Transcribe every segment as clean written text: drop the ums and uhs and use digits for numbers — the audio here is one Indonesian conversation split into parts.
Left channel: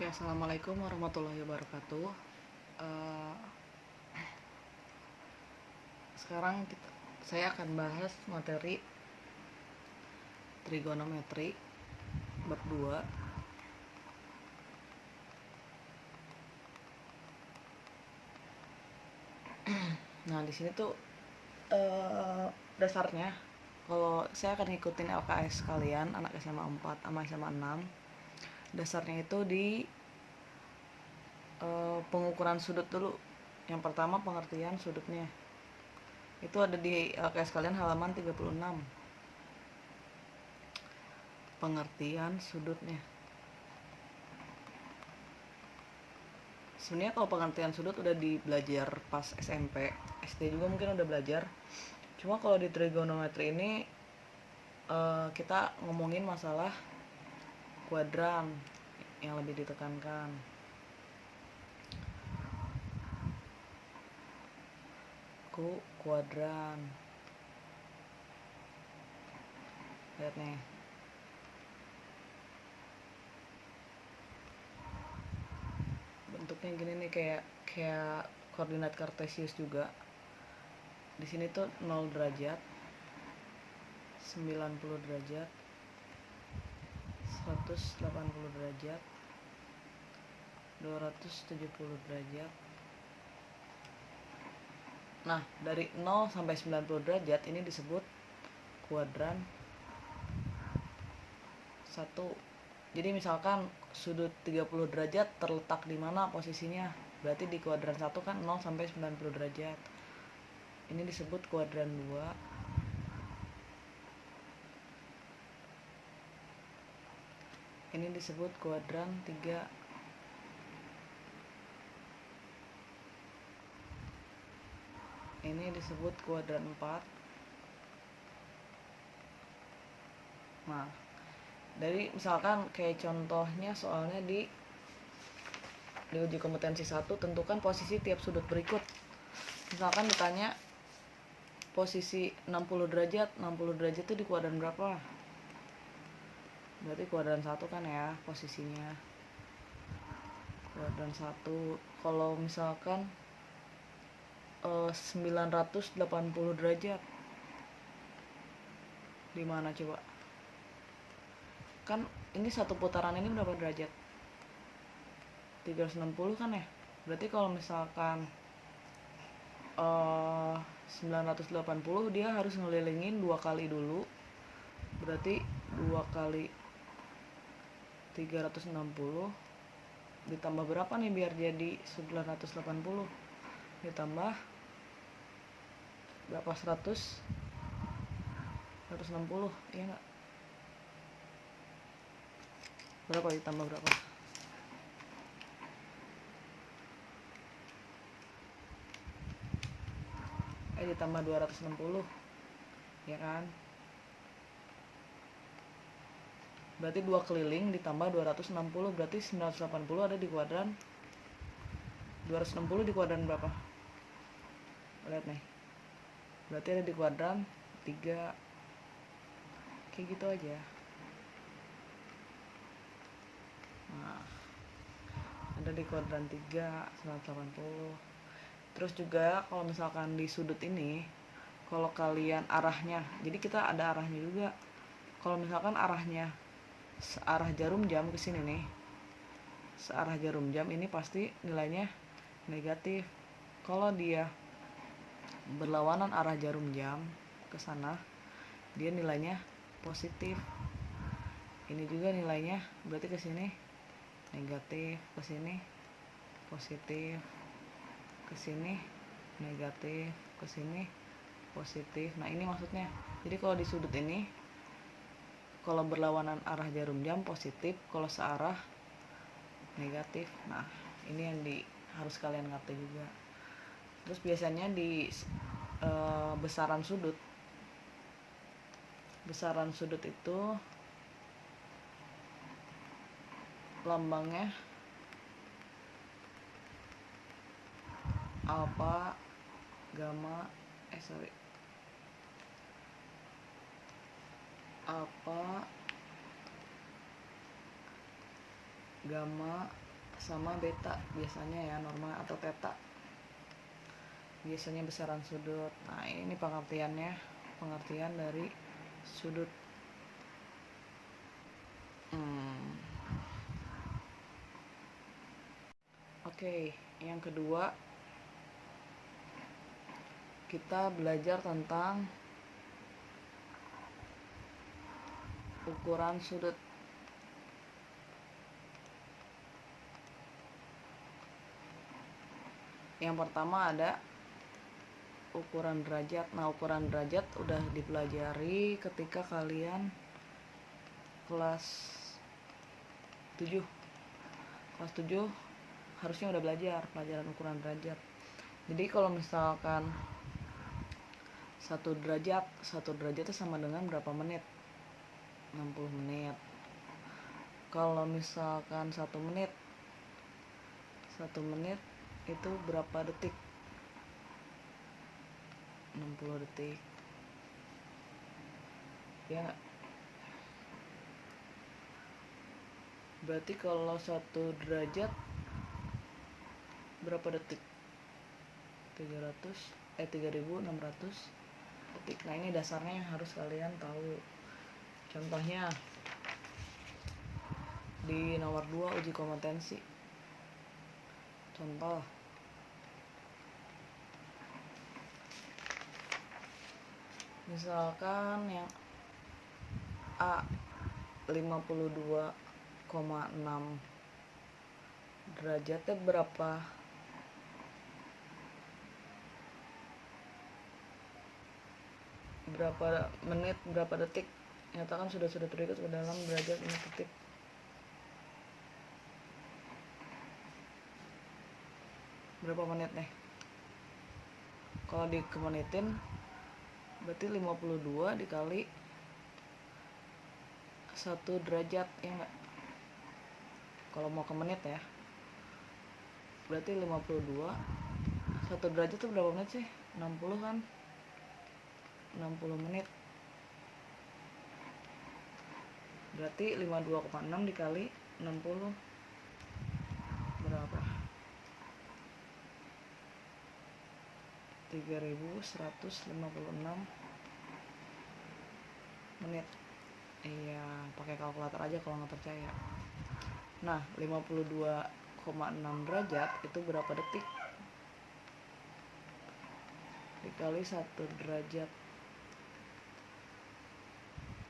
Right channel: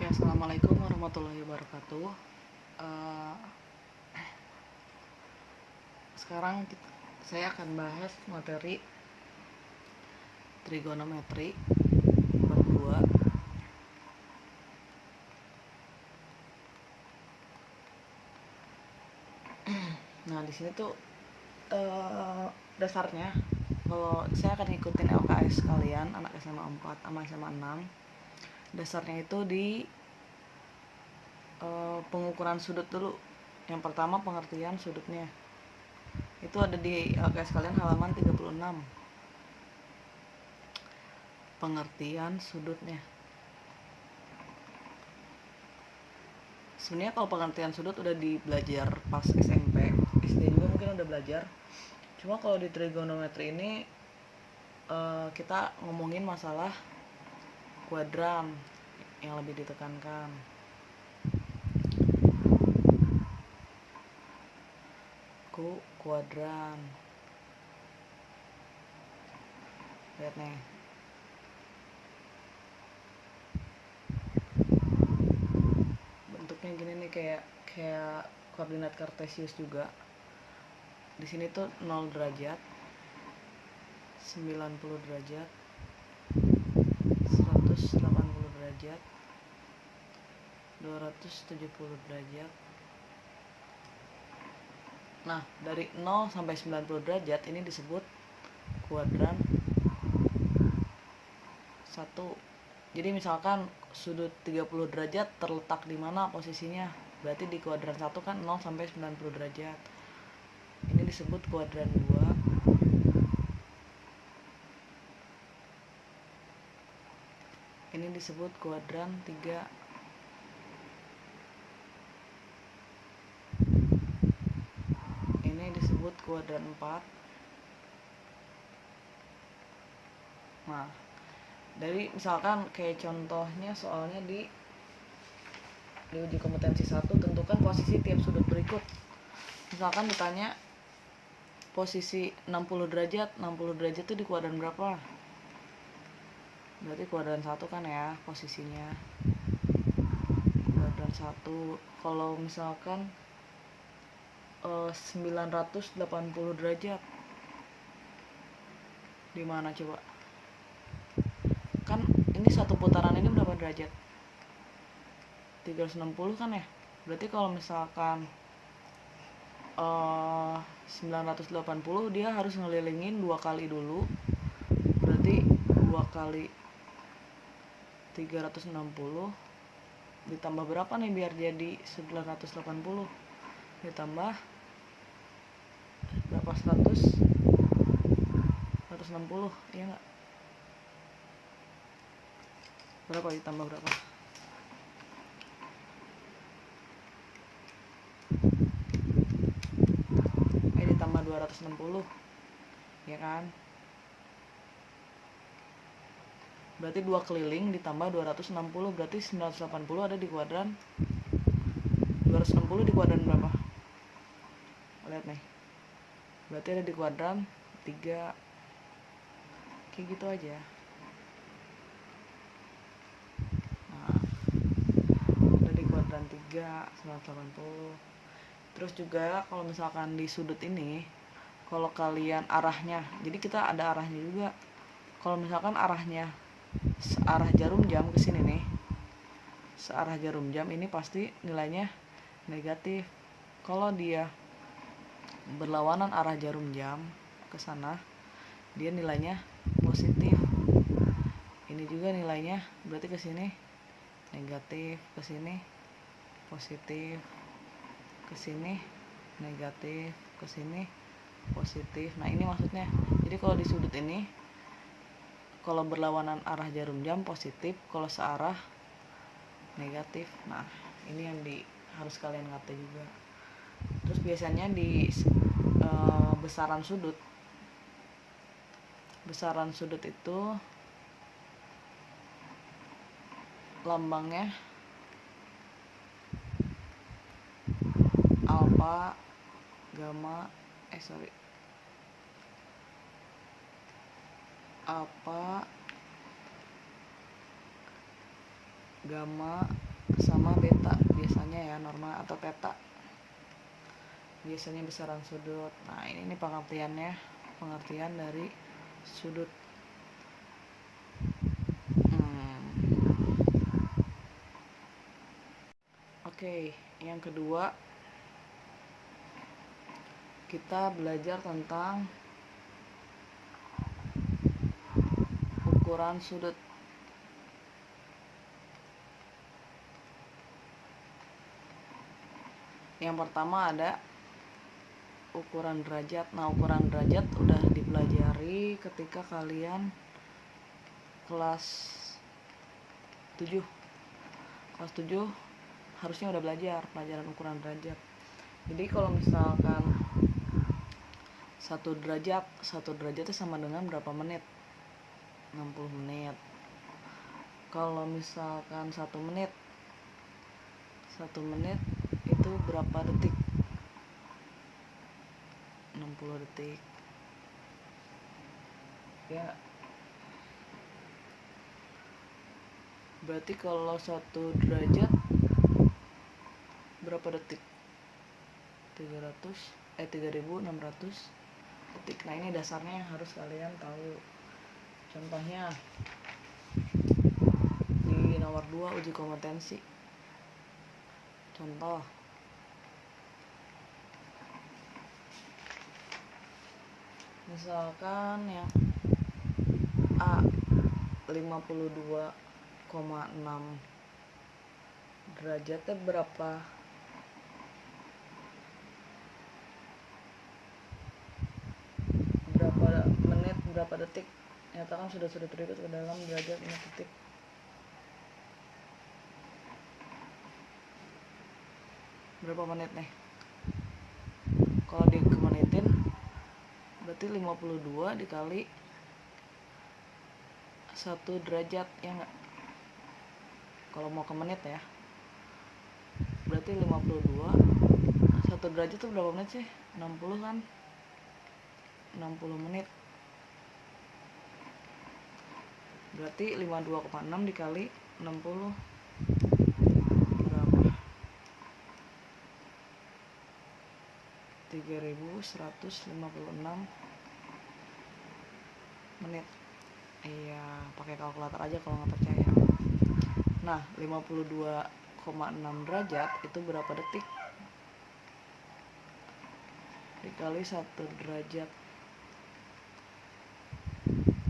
Oke, assalamualaikum warahmatullahi wabarakatuh. Eh, Sekarang saya akan bahas materi trigonometri bab 2. Nah, di sini tuh dasarnya kalau saya akan ngikutin LKS kalian anak SMA 4 sama SMA 6. Dasarnya itu di pengukuran sudut dulu. Yang pertama pengertian sudutnya. Itu ada di LKS kalian halaman 36. Pengertian sudutnya. Sebenarnya kalau pengertian sudut udah dibelajar pas SMP, SD juga mungkin udah belajar. Cuma kalau di trigonometri ini kita ngomongin masalah kuadran yang lebih ditekankan. Kuadran. Lihat nih. Bentuknya gini nih, kayak koordinat kartesius juga. Di sini tuh 0 derajat, 90 derajat, 180 derajat, 270 derajat. Nah, dari 0 sampai 90 derajat ini disebut kuadran 1. Jadi misalkan sudut 30 derajat terletak di mana posisinya? Berarti di kuadran 1 kan 0 sampai 90 derajat. Ini disebut kuadran 2. Ini disebut kuadran 3. Ini disebut kuadran 4. Nah, dari misalkan kayak contohnya soalnya di uji kompetensi 1, tentukan posisi tiap sudut berikut. Misalkan ditanya posisi 60 derajat itu di kuadran berapa? Berarti kuadran 1 kan ya posisinya. Kuadran 1. Kalau misalkan 980 derajat di mana coba? Kan ini satu putaran ini berapa derajat? 360 kan ya? Berarti kalau misalkan 980 dia harus ngelilingin 2 kali dulu. Berarti 2 kali 360 ditambah berapa nih biar jadi 980? Ditambah berapa? 160, iya nggak? Berapa ditambah berapa? Ditambah 260, ya kan? Berarti 2 keliling ditambah 260, berarti 980 ada di kuadran 260 di kuadran berapa? Lihat nih. Berarti ada di kuadran 3. Kayak gitu aja. Nah, ada di kuadran 3, 980. Terus juga kalau misalkan di sudut ini, kalau kalian arahnya, jadi kita ada arahnya juga. Kalau misalkan arahnya searah jarum jam ke sini nih, searah jarum jam ini pasti nilainya negatif. Kalau dia berlawanan arah jarum jam ke sana, dia nilainya positif. Ini juga nilainya berarti ke sini negatif, ke sini positif, ke sini negatif, ke sini positif. Nah, ini maksudnya. Jadi kalau di sudut ini, kalau berlawanan arah jarum jam positif, kalau searah negatif. Nah, ini yang harus kalian ngerti juga. Terus biasanya di besaran sudut itu lambangnya alfa, gamma, alfa, gamma, sama beta biasanya ya, normal atau theta biasanya besaran sudut. Nah ini pengertiannya, pengertian dari sudut. Oke, yang kedua kita belajar tentang ukuran sudut. Yang pertama ada ukuran derajat. Nah, ukuran derajat udah dipelajari ketika kalian kelas 7. Kelas 7 harusnya udah belajar pelajaran ukuran derajat. Jadi kalau misalkan 1 derajat itu sama dengan berapa menit? 60 menit. Kalau misalkan 1 menit itu berapa detik? 60 detik ya. Berarti kalau 1 derajat berapa detik? 3600 detik. Nah ini dasarnya yang harus kalian tahu. Contohnya di nomor 2 uji kompetensi. Contoh, misalkan yang A 52,6 derajatnya berapa? Berapa menit, berapa detik? Nyatakan sudah terikut ke dalam derajat menit detik. Berapa menit nih? Kalau dikemenitin berarti 52 dikali 1 derajat ya enggak? Kalau mau ke menit ya, berarti 52 1 derajat itu berapa menit sih? 60 kan? 60 menit. Berarti 52,6 dikali 60 berapa? 3156 menit. Iya, pakai kalkulator aja kalau nggak percaya. Nah, 52,6 derajat itu berapa detik? Dikali 1 derajat.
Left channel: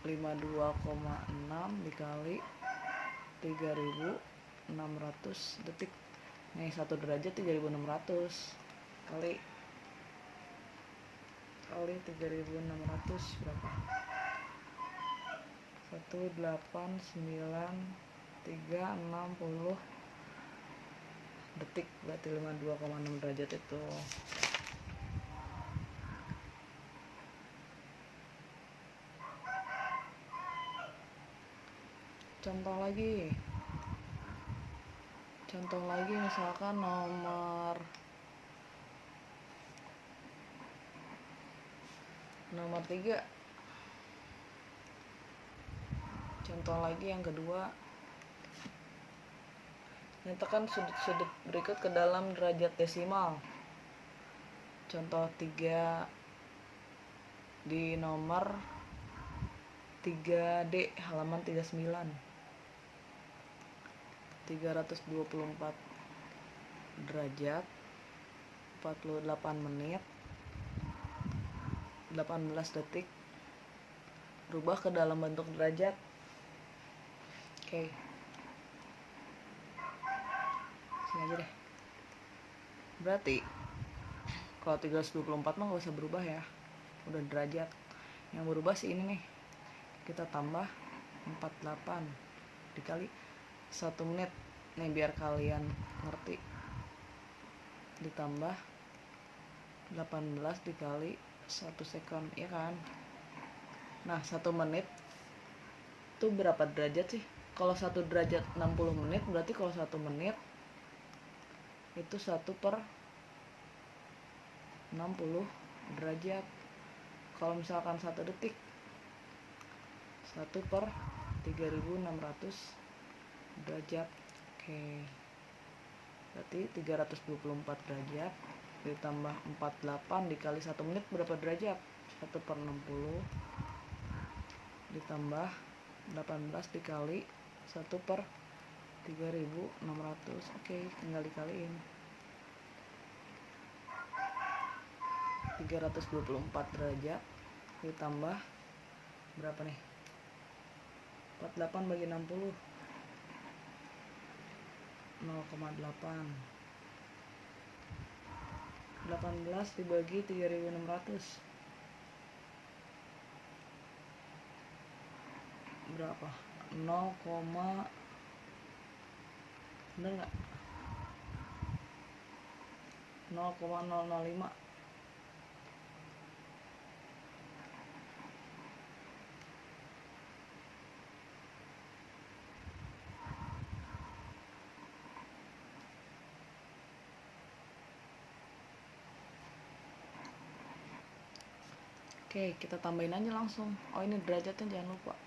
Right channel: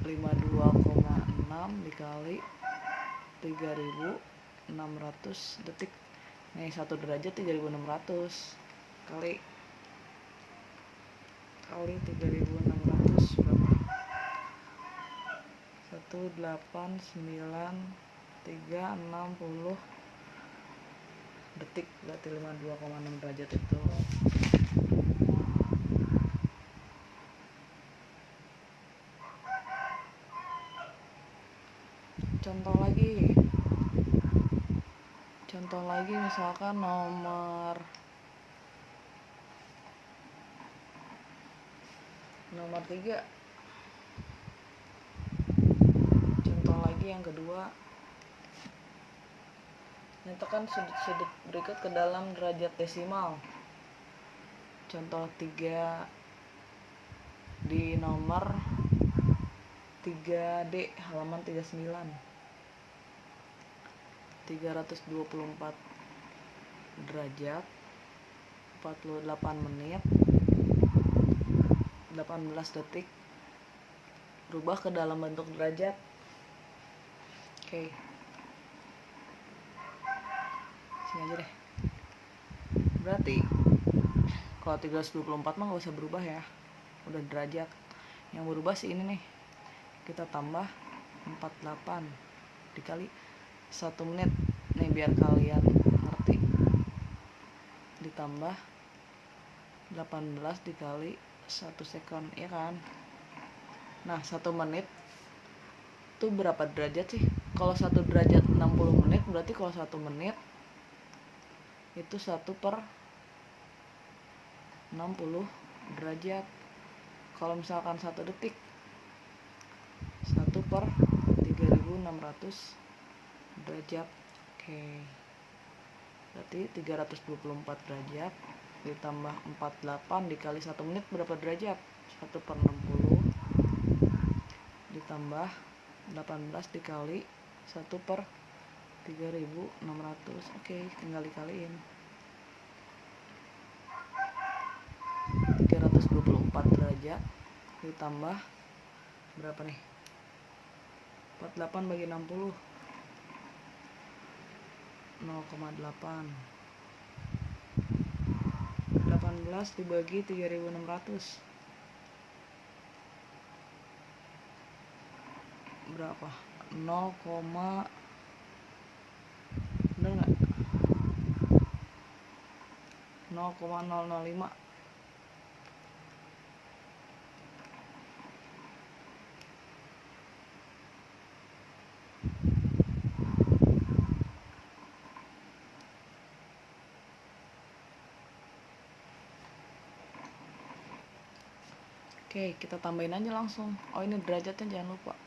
52,6 dikali 3600 detik. Nih 1 derajat 3600 kali 3600 berapa? 189,360 detik. Berarti 52,6 derajat itu. Contoh lagi misalkan nomor 3. Contoh lagi yang kedua, nyatakan sudut-sudut berikut ke dalam derajat desimal. Contoh 3 di nomor 3D halaman 39. 324 derajat 48 menit 18 detik. Rubah ke dalam bentuk derajat. Oke. Sini aja deh. Berarti kalau 324 mah gak usah berubah ya, udah derajat. Yang berubah sih ini nih, kita tambah 48 dikali 1 menit nih biar kalian ngerti. Ditambah 18 dikali 1 second ya kan. Nah 1 menit itu berapa derajat sih? Kalau 1 derajat 60 menit, berarti kalau 1 menit itu 1 per 60 derajat. Kalau misalkan 1 detik 1 per 3600 derajat. Oke. Berarti 324 derajat ditambah 48 dikali 1 menit berapa derajat? 1/60 ditambah 18 dikali 1/3600. Oke, tinggal dikaliin. 324 derajat ditambah berapa nih? 48 bagi 60, 0,8. 18 dibagi 3600 berapa? 0, bener nggak? 0,005. Oke, kita tambahin aja langsung. Oh, ini derajatnya jangan lupa.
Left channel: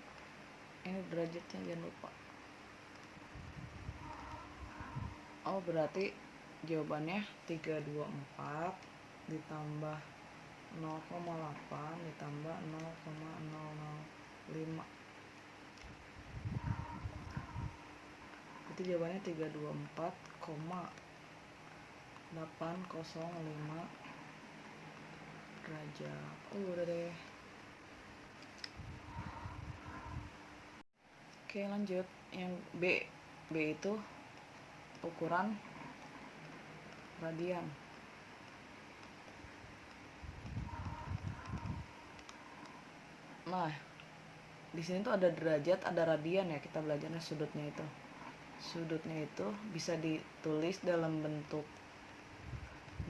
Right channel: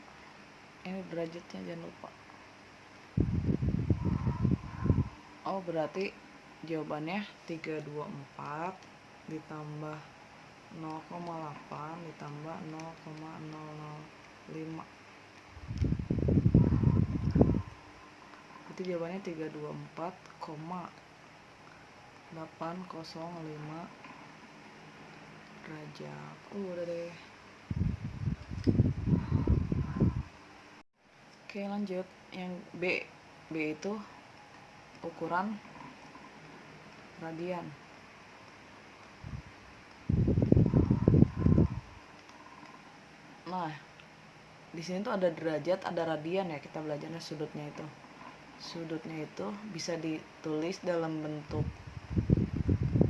Oh, berarti jawabannya 324 ditambah 0,8 ditambah 0,005. Berarti jawabannya 324,805 derajat. Udah deh. Oke, lanjut. Yang B itu ukuran radian. Nah, di sini tuh ada derajat, ada radian ya, kita belajarnya sudutnya itu. Sudutnya itu bisa ditulis dalam bentuk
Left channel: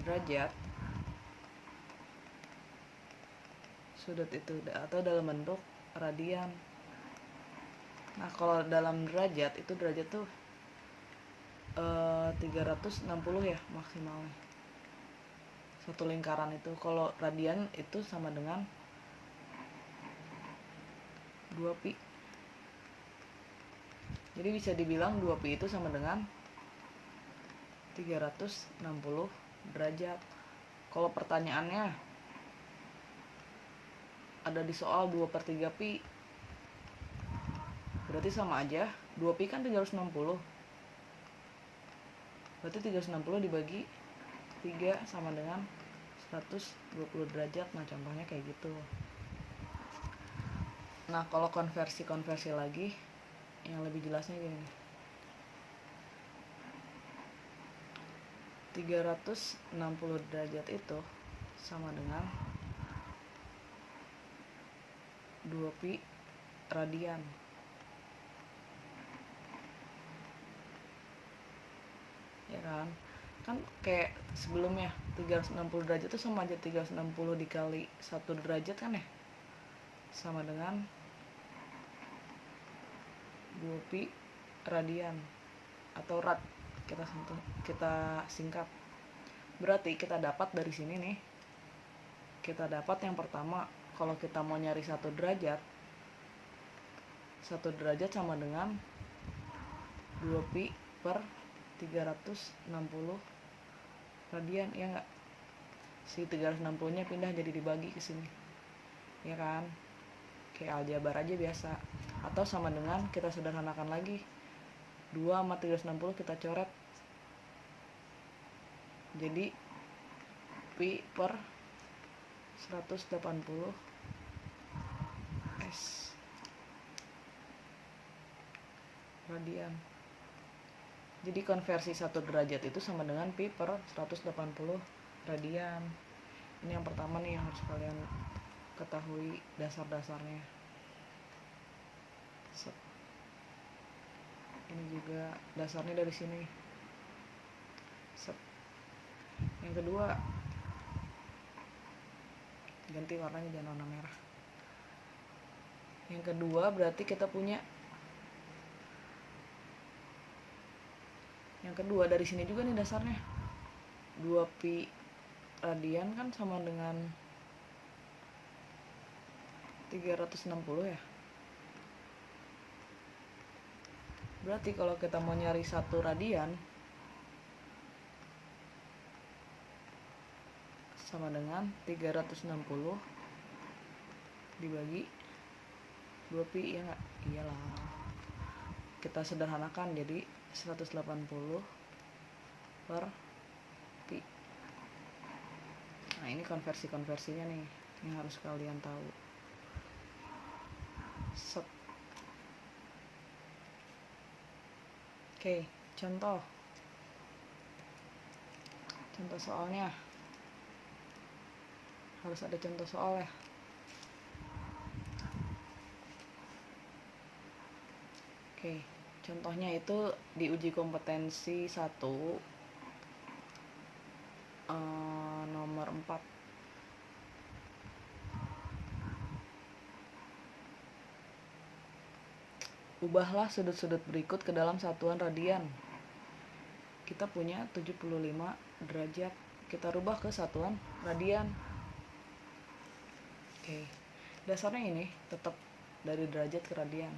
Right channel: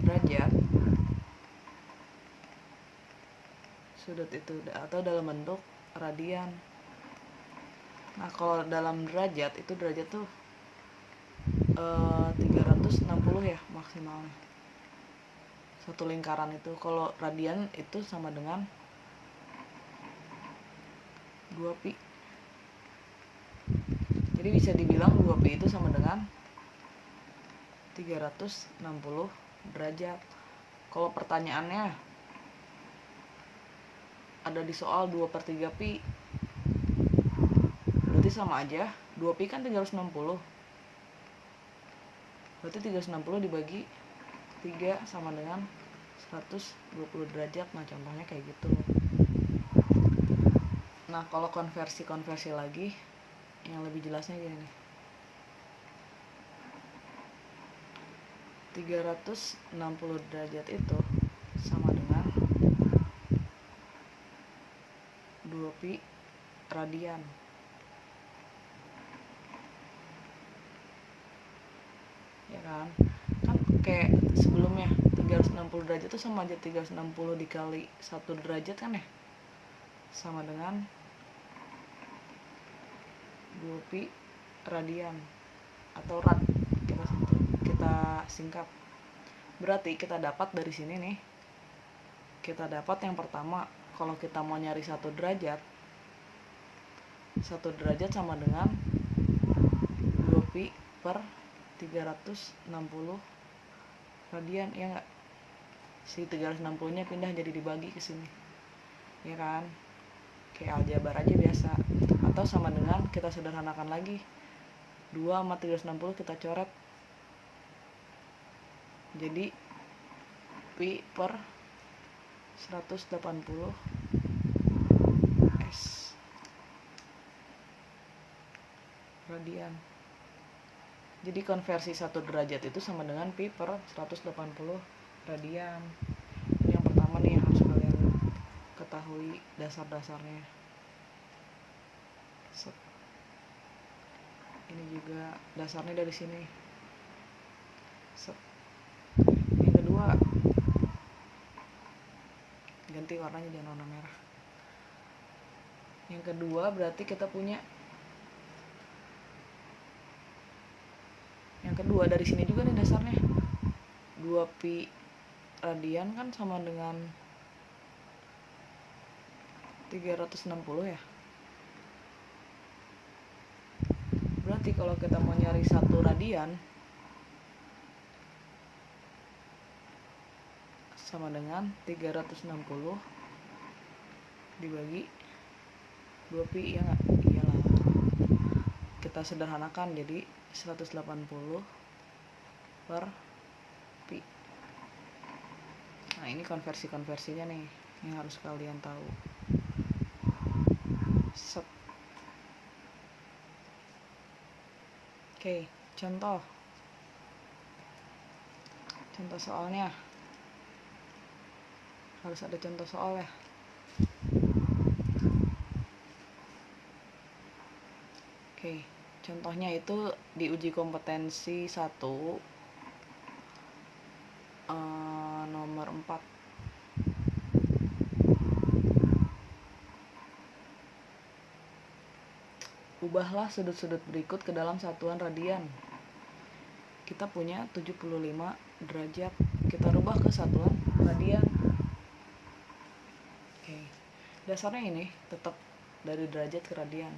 derajat, sudut itu, atau dalam bentuk radian. Nah, kalau dalam derajat itu derajat tuh 360 ya maksimalnya satu lingkaran itu. Kalau radian itu sama dengan 2pi. Jadi bisa dibilang 2pi itu sama dengan 360 derajat. Kalau pertanyaannya ada di soal 2/3pi, berarti sama aja. 2pi kan 360, berarti 360 dibagi 3 sama dengan 120 derajat. Nah, contohnya kayak gitu. Nah, kalau konversi lagi yang lebih jelasnya gini. 360 derajat itu sama dengan 2pi radian. Ya kan? Kan kayak sebelumnya 360 derajat itu sama aja 360 dikali 1 derajat kan ya? Sama dengan 2pi radian atau rad kita singkat. Berarti kita dapat dari sini nih, kita dapat yang pertama, kalau kita mau nyari 1 derajat sama dengan 2pi per 360 radian, ya enggak? Si 360 nya pindah jadi dibagi ke sini, ya kan? Kayak aljabar aja biasa. Atau sama dengan, kita sederhanakan lagi, 2 sama 360 kita coret jadi pi per 180 s radian. Jadi konversi 1 derajat itu sama dengan pi per 180 radian. Ini yang pertama nih yang harus kalian ketahui dasar-dasarnya. Ini juga dasarnya dari sini. Yang kedua, ganti warnanya, jangan warna merah. Yang kedua berarti kita punya yang kedua dari sini juga nih dasarnya. 2pi radian kan sama dengan 360 ya. Berarti kalau kita mau nyari 1 radian sama dengan 360 dibagi 2 pi, ya nggak? Iyalah, kita sederhanakan jadi 180 per pi. Nah, ini konversinya nih yang harus kalian tahu. Set. Oke, contoh soalnya harus ada contoh soal ya. Oke, contohnya itu di uji kompetensi 1 nomor 4. Ubahlah sudut-sudut berikut ke dalam satuan radian. Kita punya 75 derajat. Kita rubah ke satuan radian. Oke. Dasarnya ini tetap dari derajat ke radian.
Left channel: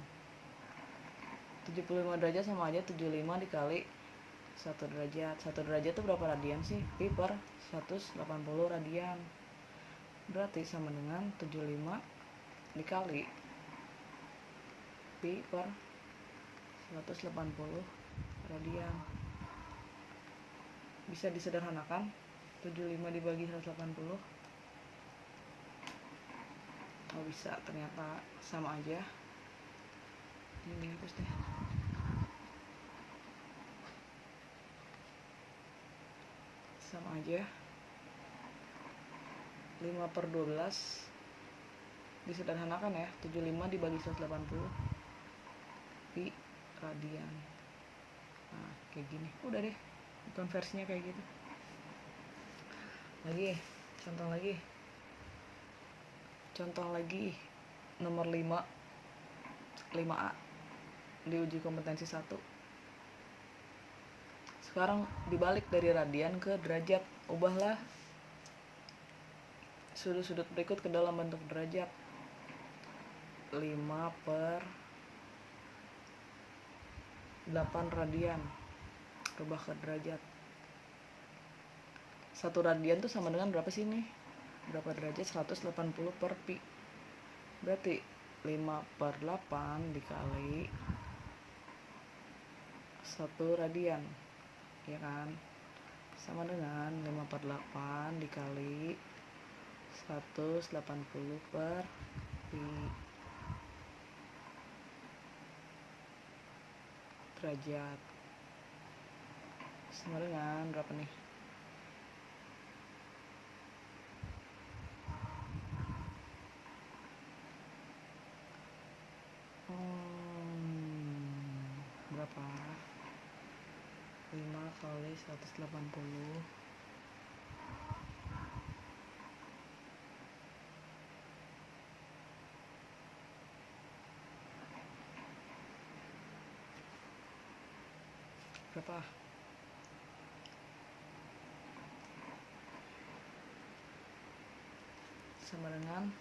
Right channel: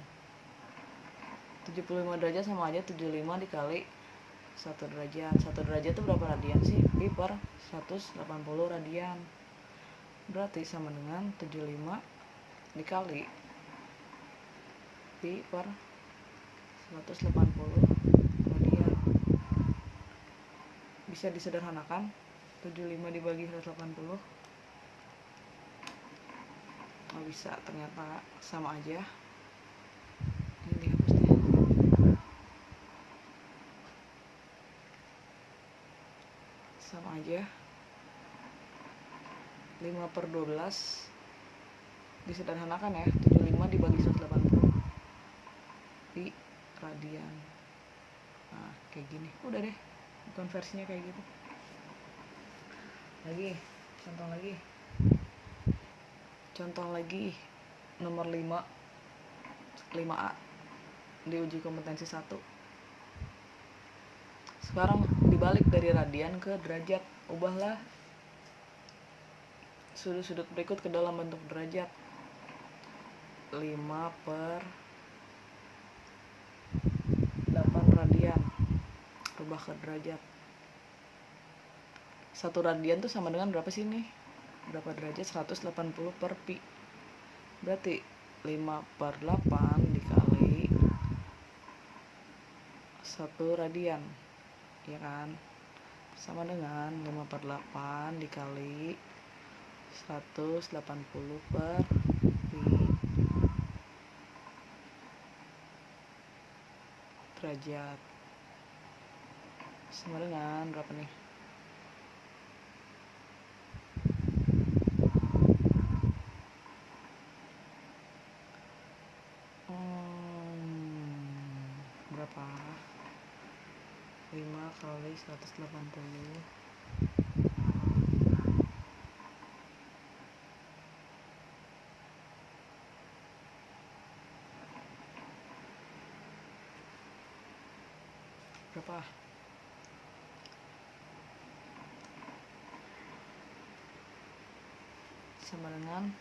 75 derajat sama aja 75 dikali 1 derajat. 1 derajat itu berapa radian sih? Pi per 180 radian. Berarti sama dengan 75 dikali pi per 180 radian. Bisa disederhanakan, 75 dibagi 180. Oh, bisa, ternyata sama aja. Ini dihapus deh. Sama aja. 5/12 disederhanakan ya, 75 dibagi 180 pi radian. Nah, kayak gini. Udah deh, konversinya kayak gitu. Contoh lagi nomor 5A di uji kompetensi 1. Sekarang dibalik dari radian ke derajat. Ubahlah sudut-sudut berikut ke dalam bentuk derajat. 5/8 radian. Rubah ke derajat. 1 radian tuh sama dengan berapa sih nih? Berapa derajat? 180 per pi. Berarti 5/8 dikali 1 radian, ya kan? Sama dengan 5/8 dikali 180 per pi derajat. Sama dengan berapa nih? Berapa? 5 kali 180 berapa? Sama dengan,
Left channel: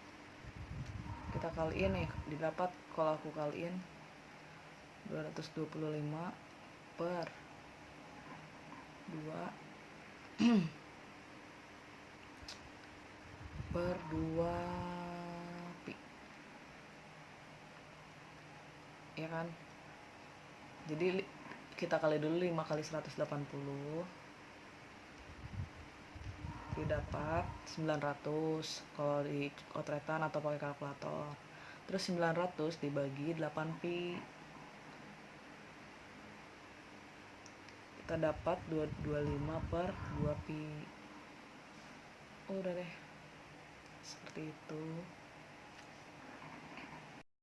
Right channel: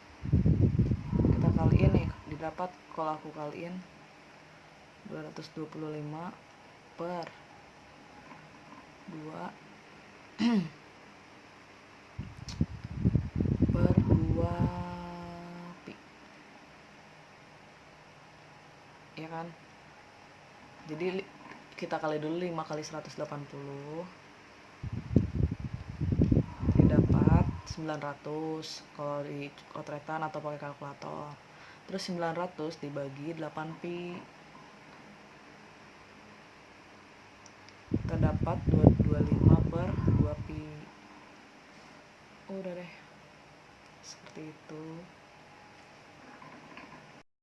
kita kaliin nih, didapat kalau aku kaliin 225 per 2 per 2 pi, ya kan? Jadi kita kali dulu 5 kali 180 didapat 900 kalau di kotretan atau pakai kalkulator. Terus 900 dibagi 8 pi, kita dapat 225 per 2 pi. Udah deh, seperti itu.